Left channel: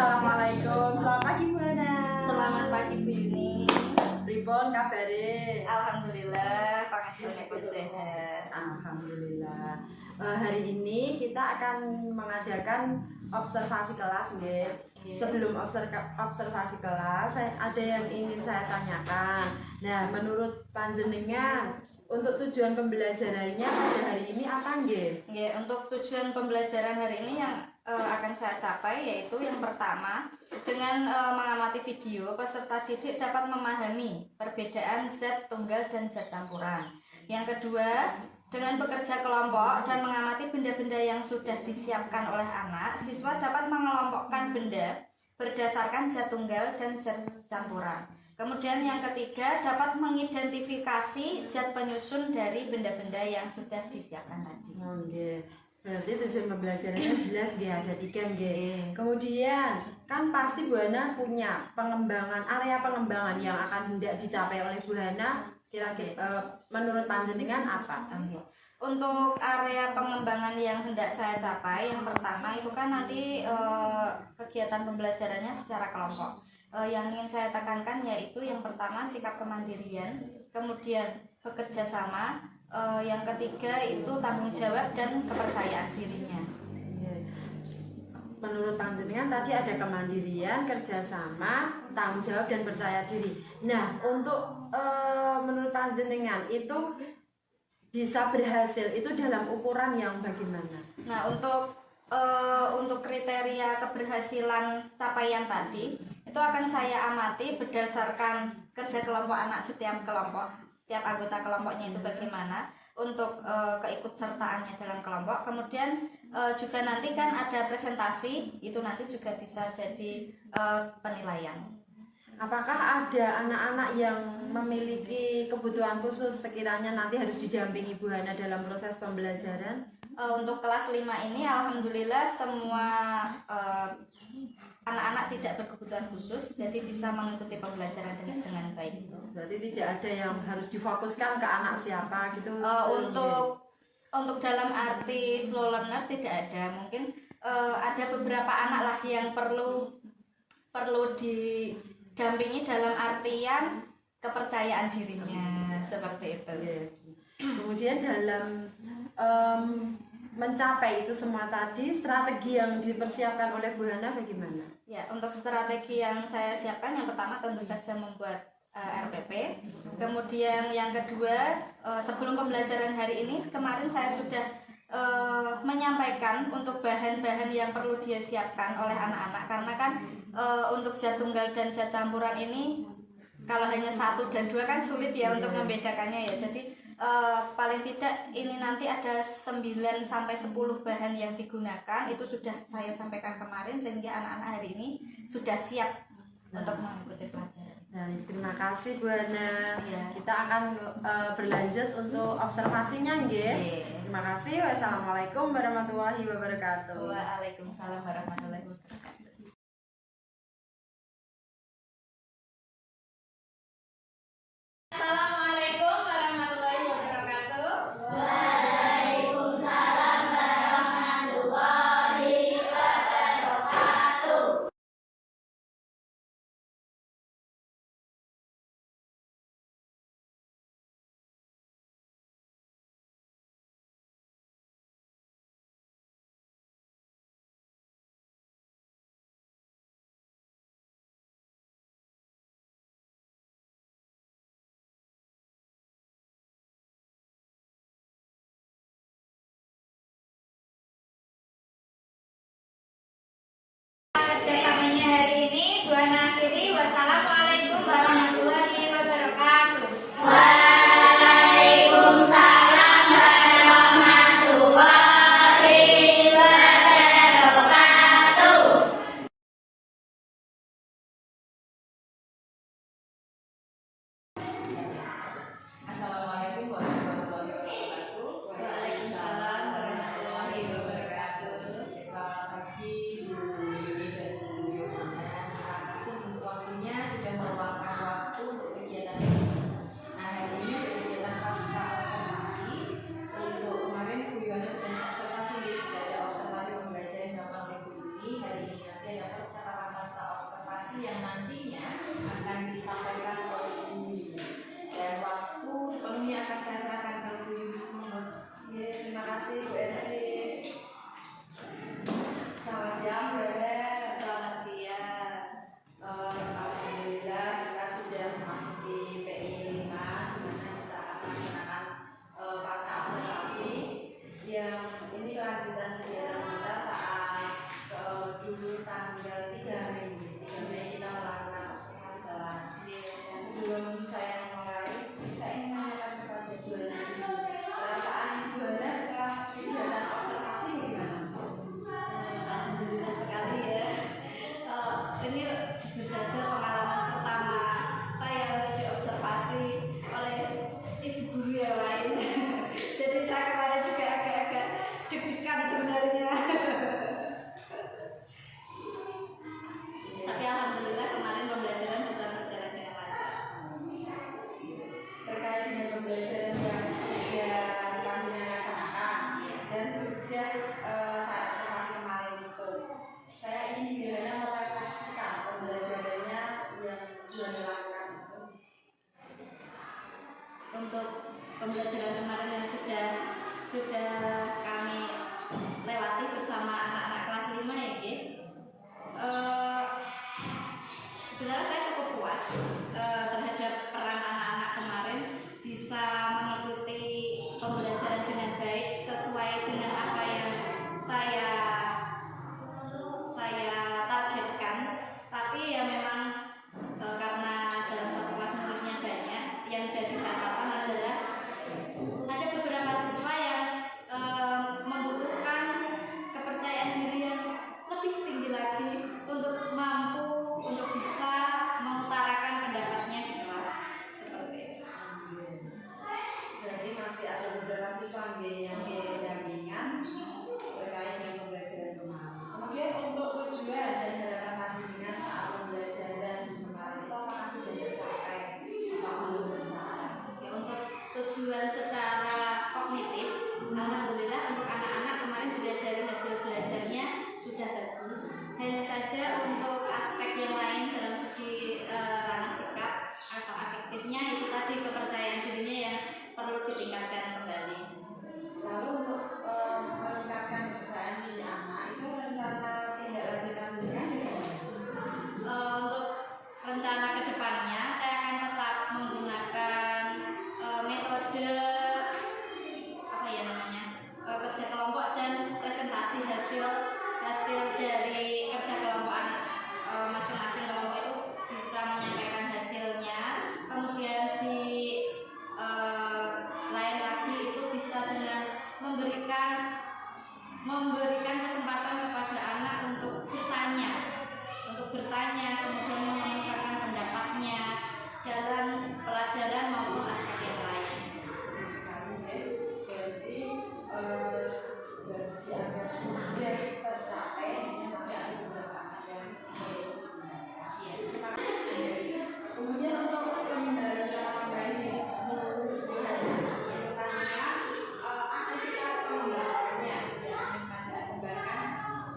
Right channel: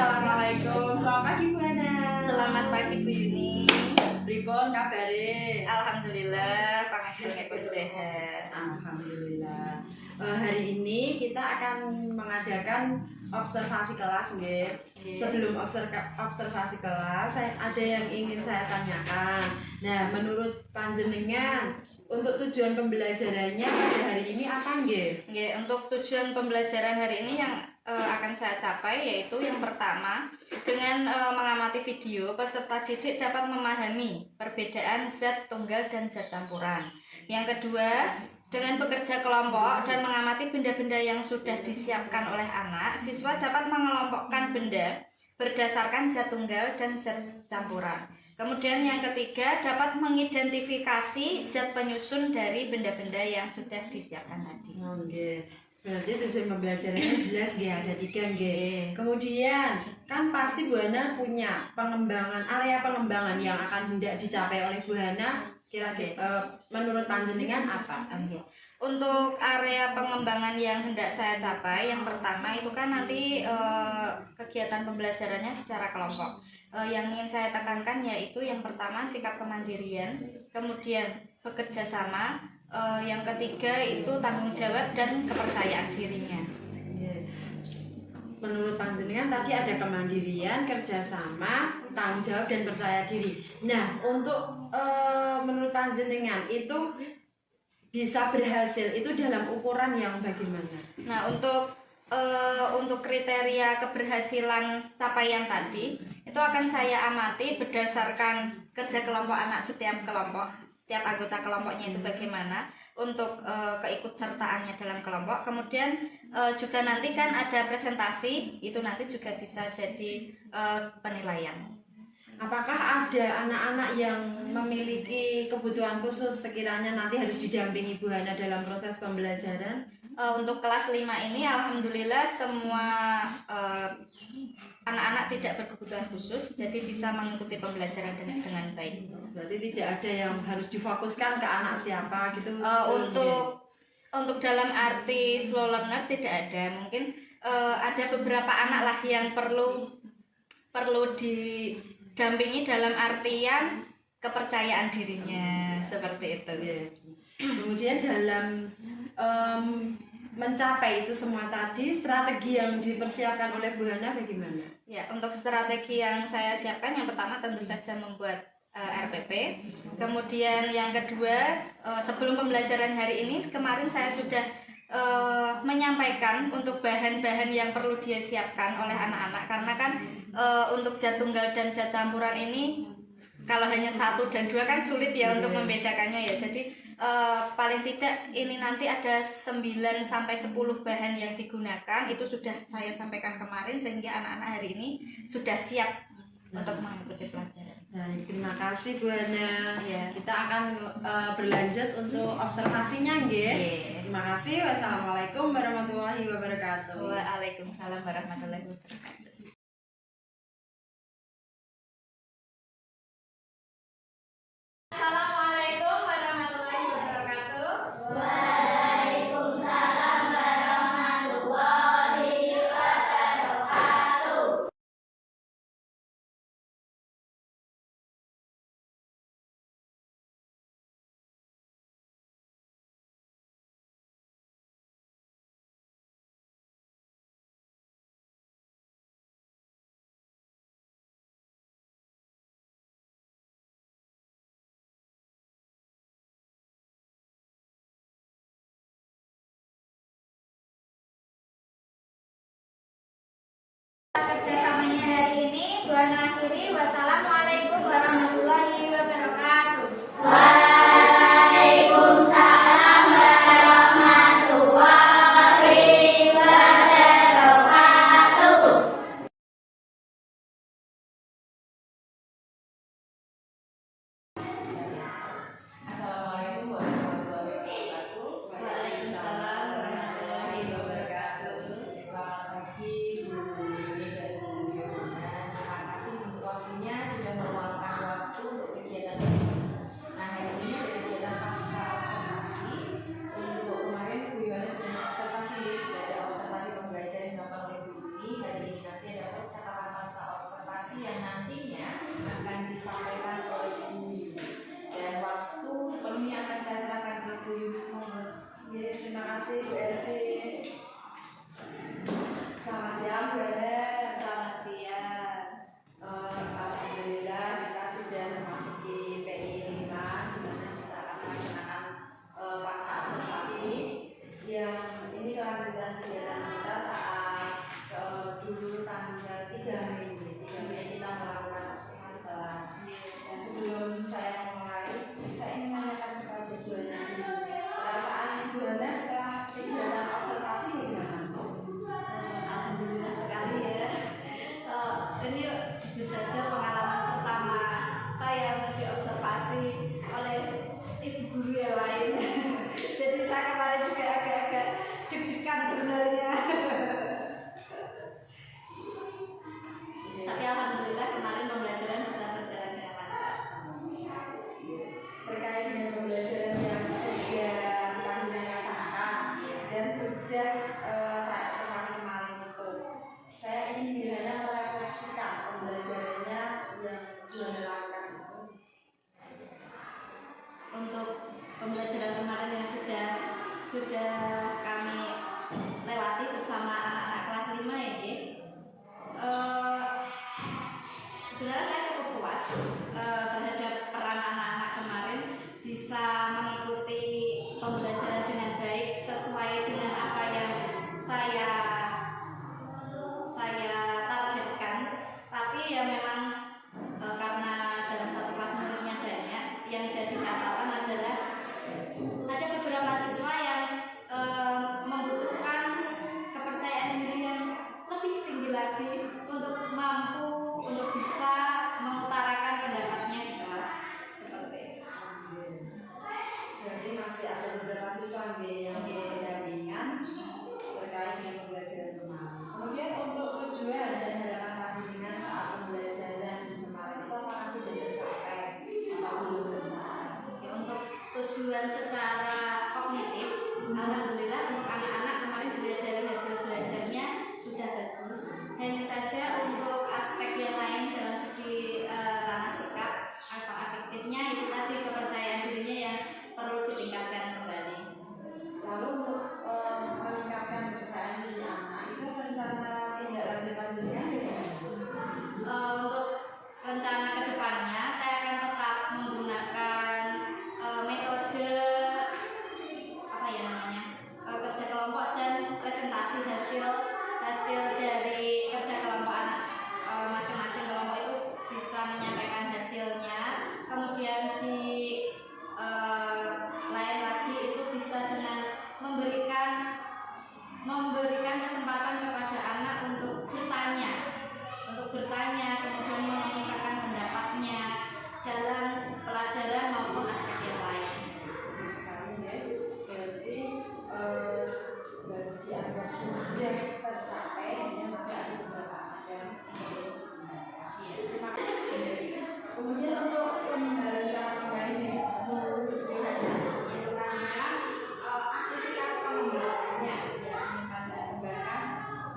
Assalamualaikum. Selamat pagi Bu Hana. Selamat pagi Bu Yuni. Pripun kabare? Alhamdulillah, pangasilnya pun sehat. Alhamdulillah. Hari ini kita akan mengadakan observasi kelas, nggih. Sebelum observasi kelas, ada yang ingin saya tanyakan. Nah, menurut panjenengan untuk tujuan pembelajarannya pada hari ini apa nggih? Nggih, untuk tujuan pembelajaran hari ini yang akan saya capai yaitu yang pertama, dengan mengamati video, peserta didik dapat memahami perbedaan zat tunggal dan zat campuran. Yang kedua, dengan bekerja kelompok dan mengamati benda-benda yang sudah disiapkan oleh anak, siswa dapat mengelompokkan benda berdasarkan zat tunggal dan zat campuran. Kemudian yang ketiga, dapat mengidentifikasi zat penyusun dari benda-benda yang sudah disiapkan tadi. Berarti tujuan pembelajarannya jelas nggih, ada 3 nggih. Kemudian kan pasti Bu Hana punya area pengembangan yang akan hendak dicapai oleh Bu Hana. Kira-kira menurut panjenengan apa? Untuk area pengembangan yang hendak saya capai, yang pertama itu kan nanti kegiatan pembelajarannya secara kelompok. Yang ingin saya tekankan yaitu yang pertama sikap kemandirian, kemudian bekerja sama, yang ketiga itu tanggung jawab dan kepercayaan dirinya. Menurut panjenengan tadi ada kemandirian, kerjasama, tanggung jawab dan percaya diri. Nah, untuk menurut panjenengan itu bisa berhasil itu dalam ukuran yang bagaimana? Nah, untuk kriteria keberhasilan capaian tadi itu akan saya amati berdasarkan kerja kelompok anak setiap kelompok, setiap anggota kelompoknya itu bagaimana untuk keikutsertaannya dalam kelompok. Kemudian juga nanti kan ada presentasi, itu nanti juga bisa jadi penilaian. Apakah ada anak-anak yang memiliki kebutuhan khusus sekiranya nanti harus didampingi Bu Hana dalam proses pembelajaran? Untuk kelas 5 ini alhamdulillah semua anak-anak tidak berkebutuhan khusus, jadi bisa mengikuti pembelajaran dengan baik. Berarti tidak ada yang harus difokuskan ke anak siapa gitu? Untuk dalam arti slow learner tidak ada. Mungkin ada beberapa anak lah yang perlu didampingi dalam artian kepercayaan dirinya, seperti itu. Kemudian dalam mencapai itu semua tadi, strategi yang dipersiapkan oleh Bu Hana bagaimana? Ya, untuk strategi yang saya siapkan yang pertama tentu saja membuat RPP. Kemudian yang kedua, sebelum pembelajaran hari ini, kemarin saya sudah menyampaikan untuk bahan-bahan yang perlu dia siapkan oleh anak-anak. Karena kan untuk zat tunggal dan zat campuran ini kalau hanya 1 dan 2 kan sulit ya untuk membedakannya ya. Jadi paling tidak ini nanti ada 9 sampai 10 bahan yang digunakan, itu sudah saya sampaikan kemarin sehingga anak-anak hari ini sudah siap untuk mengikuti pelajaran. Terima kasih Bu Hana. Ya. Kita akan berlanjut untuk observasinya nggih. Terima kasih. Wassalamualaikum warahmatullahi wabarakatuh. Waalaikumsalam warahmatullahi wabarakatuh. Assalamualaikum warahmatullahi wabarakatuh. Waalaikumsalam warahmatullahi wabarakatuh. Kerjasamanya hari ini Bu Hana akhiri. Wassalamualaikum warahmatullahi wabarakatuh. Waalaikumsalam warahmatullahi wabarakatuh. Assalamualaikum warahmatullahi wabarakatuh. Waalaikumsalam warahmatullahi wabarakatuh. Selamat pagi Bu Yuni dan Bu Yohana. Terima kasih untuk waktunya sudah meluangkan waktu ini jujur saja pengalaman pertama saya untuk diobservasi oleh ibu guru yang lain. Jadi saya kemarin juga agak-agak deg-degan sebenarnya. Tapi alhamdulillah kemarin pembelajaran bisa berjalan dengan lancar. Terkait dengan pembelajaran yang sudah panjenengan laksanakan dan sudah saya observasi kemarin itu, saya ingin Diana merefleksikan pembelajarannya yang Diana lakukan itu. Untuk pembelajaran kemarin yang sudah kami lewati bersama anak-anak kelas 5 ya, sebenarnya saya cukup puas terhadap peran anak-anak kemarin, bisa mengikuti pembelajaran dengan baik sesuai dengan apa yang saya targetkan. Tapi ya memang karena dalam satu kelas muridnya banyak, yang jadi catatan adalah ada beberapa siswa yang membutuhkan kepercayaan diri yang lebih tinggi lagi untuk mampu untuk bisa mengutarakan pendapatnya di kelas seperti itu. Berarti masih ada beberapa siswa yang didampingan terkait dengan pembelajaran kemarin. Kemudian untuk tujuan dan harapan panjenengan saat pembelajaran kemarin itu apakah sudah tercapai atau belum tercapai? Oke, untuk tujuan secara kognitif, alhamdulillah untuk anak-anak kemarin dilihat dari hasil belajarnya sudah bagus. Hanya saja untuk aspek yang lain dalam segi ranah sikap atau afektifnya itu tadi kepercayaan dirinya yang perlu ditingkatkan kembali. Lalu untuk meningkatkan kepercayaan diri anak itu rencana tindak lanjut panjenengan bagaimana? Untuk rencana kedepannya saya akan tetap menggunakan metode kerja kelompok dan presentasi hasil dari kerja kelompok anak. Masing-masing kelompok itu bisa menyampaikan hasilnya, kemudian di lain lagi itu bisa dengan memberikan kesempatan kepada anak untuk bertanya, kemudian mengemukakan pendapatnya dalam pelajaran maupun aspek yang lain. Berarti dianggap sudah tercapai, hanya masih ada beberapa anak yang kemudian untuk pengendalian cara membaik menurut pertanyaan aktivitas pengembangannya yang ingin Anda kembangkan.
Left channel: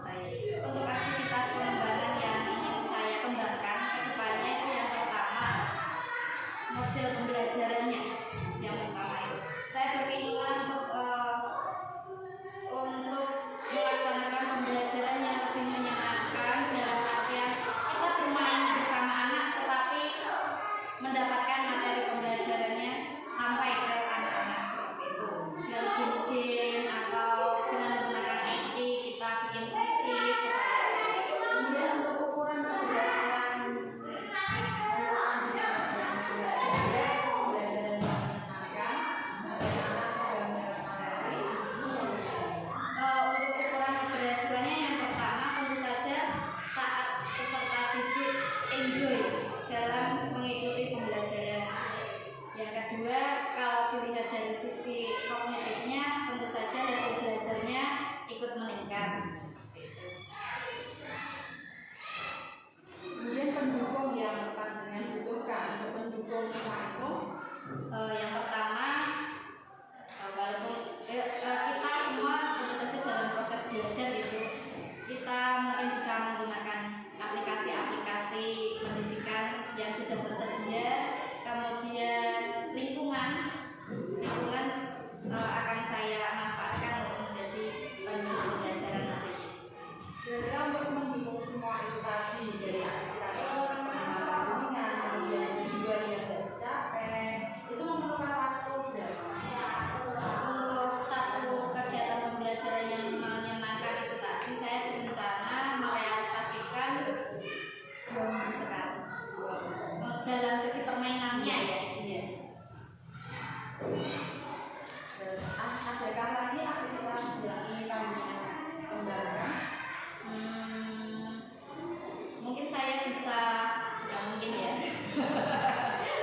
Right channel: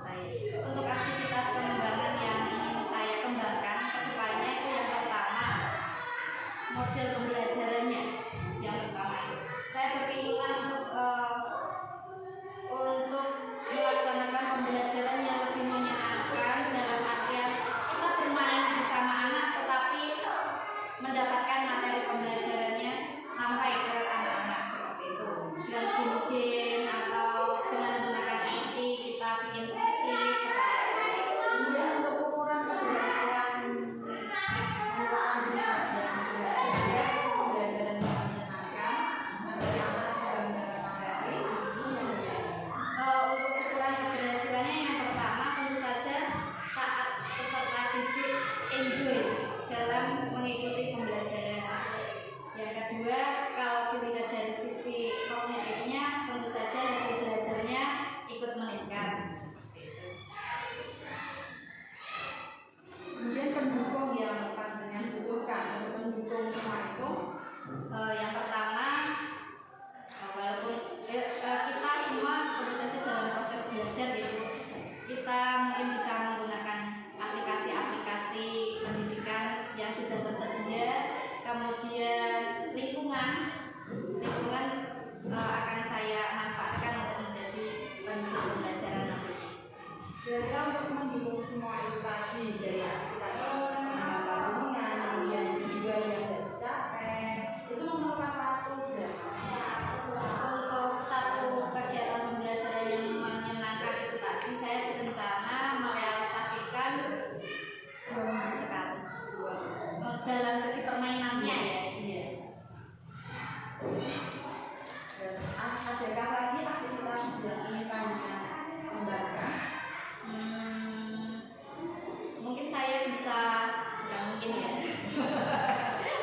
Baik, untuk aktivitas pengembangan yang ingin saya kembangkan ke depannya itu yang pertama model pembelajarannya. Yang pertama itu saya berkeinginan untuk melaksanakan pembelajaran yang lebih menyenangkan, dalam artian kita bermain bersama anak tetapi mendapatkan materi pembelajarannya sampai ke anak-anak seperti itu, dengan game atau dengan menggunakan IT kita bikin puisi seperti itu. Kemudian untuk ukuran keberhasilan pembelajaran yang menyenangkan agar anak sudah mendapat materi Untuk ukuran keberhasilannya yang pertama tentu saja saat peserta didik enjoy dalam mengikuti pembelajaran. Yang kedua, kalau dilihat dari sisi kognitifnya tentu saja hasil belajarnya ikut meningkat seperti itu. kemudian pendukung yang panjenengan butuhkan untuk mendukung semua itu. Yang pertama, walaupun kita semua tentu saja dalam proses belajar gitu, kita mungkin bisa menggunakan aplikasi-aplikasi pendidikan yang sudah tersedia, kemudian lingkungan akan saya manfaatkan untuk menjadi pendukung pembelajaran nantinya. Jadi untuk mendukung semua itu tadi, dari aktivitas pengembangan panjenengan, kemudian tujuan yang tidak tercapai, itu memerlukan waktu berapa? Untuk satu kegiatan pembelajaran yang menyenangkan itu tadi, saya berencana merealisasikan 2 minggu sekali. Dalam segi permainannya ya, iya. Adakah lagi aktivitas yang ingin panjenengan kembangkan? Mungkin saya saya bisa, bukan mungkin ya,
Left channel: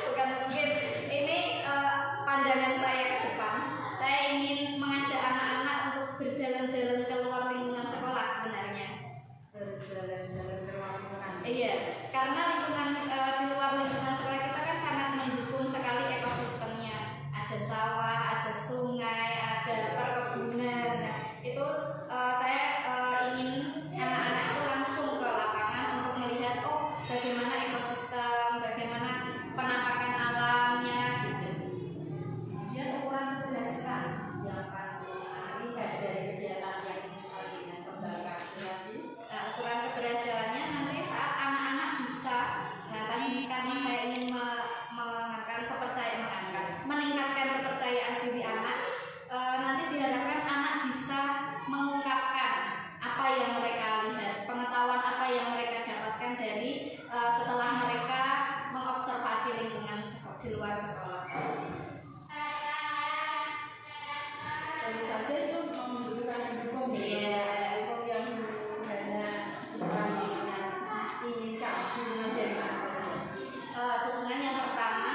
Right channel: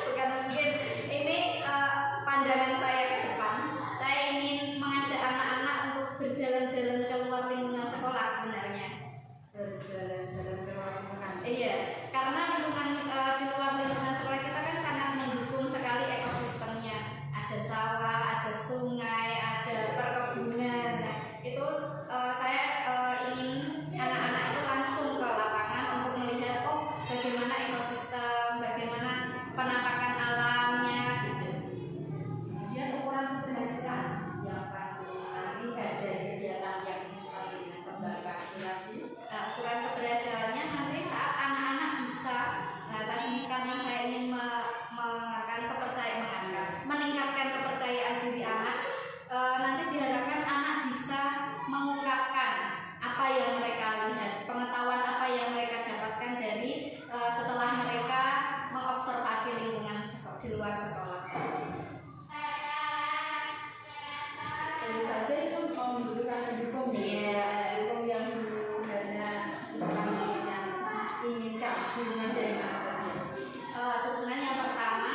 bukan mungkin, ini pandangan saya ke depan. Saya ingin mengajak anak-anak untuk berjalan-jalan keluar lingkungan sekolah sebenarnya. Berjalan-jalan ke luar lingkungan. Iya, karena lingkungan di luar lingkungan sekolah kita kan sangat mendukung sekali ekosistemnya. Ada sawah, ada sungai, ada perkebunan. Nah, itu saya ingin anak-anak itu langsung ke lapangan untuk melihat bagaimana ekosistem, bagaimana penampakan alamnya gitu. Kemudian ukuran keberhasilan yang pasti lihat dari kegiatan yang ini dengan kembali ke aspirasi. Nah, ukuran keberhasilannya nanti saat anak-anak bisa, nah tadi karena saya ingin meningkatkan kepercayaan diri anak, nanti diharapkan anak bisa mengungkapkan apa yang mereka lihat, pengetahuan apa yang mereka dapatkan dari setelah mereka mengobservasi lingkungan di luar sekolah. Tentu saja itu membutuhkan pendukung. Iya. Pendukung yang hanya inginkan dukungan dari mana saja. Dukungan yang pertama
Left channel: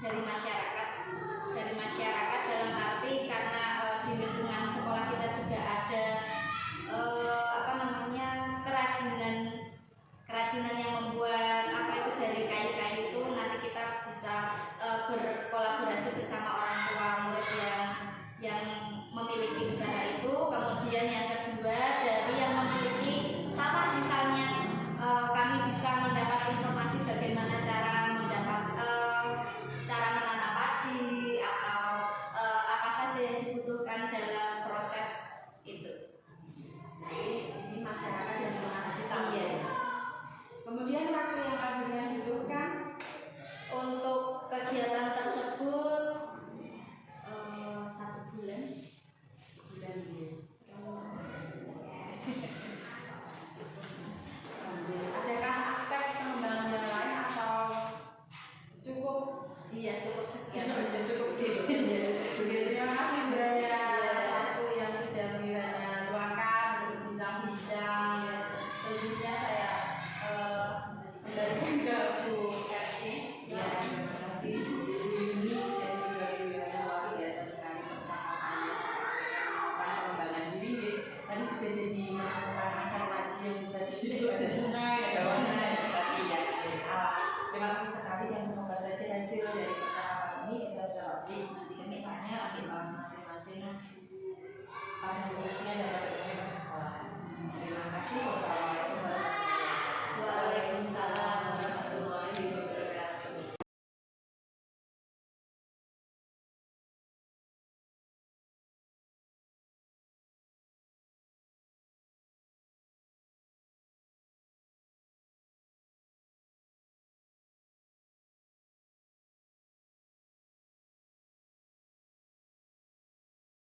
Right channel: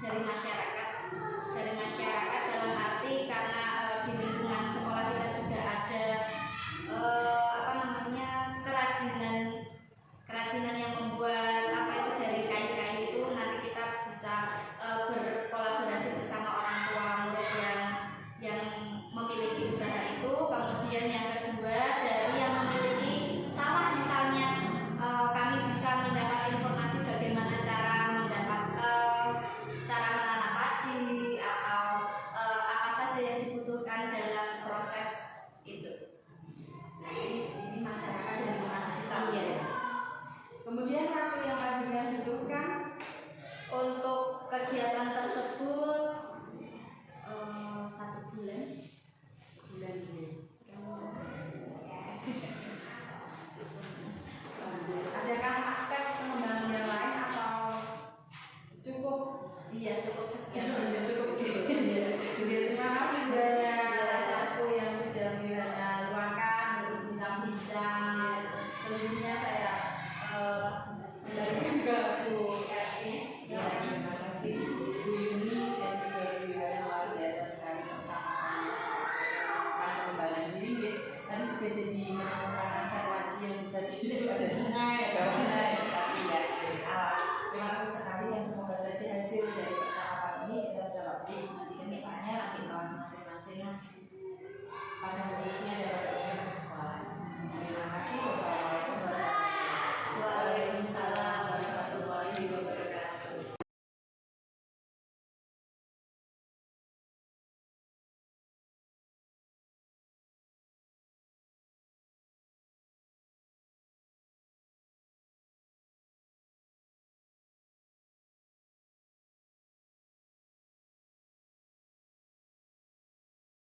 dari masyarakat dalam arti karena di lingkungan sekolah kita juga ada kerajinan yang membuat dari kayu-kayu itu. Nanti kita bisa berkolaborasi bersama orang tua murid yang memiliki usaha itu. Kemudian yang kedua dari yang memiliki sawah misalnya, kami bisa mendapat informasi bagaimana cara menanam padi atau apa saja yang dibutuhkan dalam proses itu. Ini masyarakat dan lingkungan sekitar. Iya. Kemudian waktu yang kajian butuhkan Untuk kegiatan tersebut 1 bulan. Adakah aspek pengembangan yang lain atau cukup? Iya, cukup sekian. Cukup gitu. Terima kasih Buya satu yang sudah luangkan untuk bincang-bincang. Selanjutnya saya kembalikan ke Bu Ersi. Ya, terima kasih Bu Yuni dan juga Bu Yuni, luar biasa sekali bersama kami tentang pengembangan diri. Tadi juga jadi menemukan aset lagi yang bisa jadi ada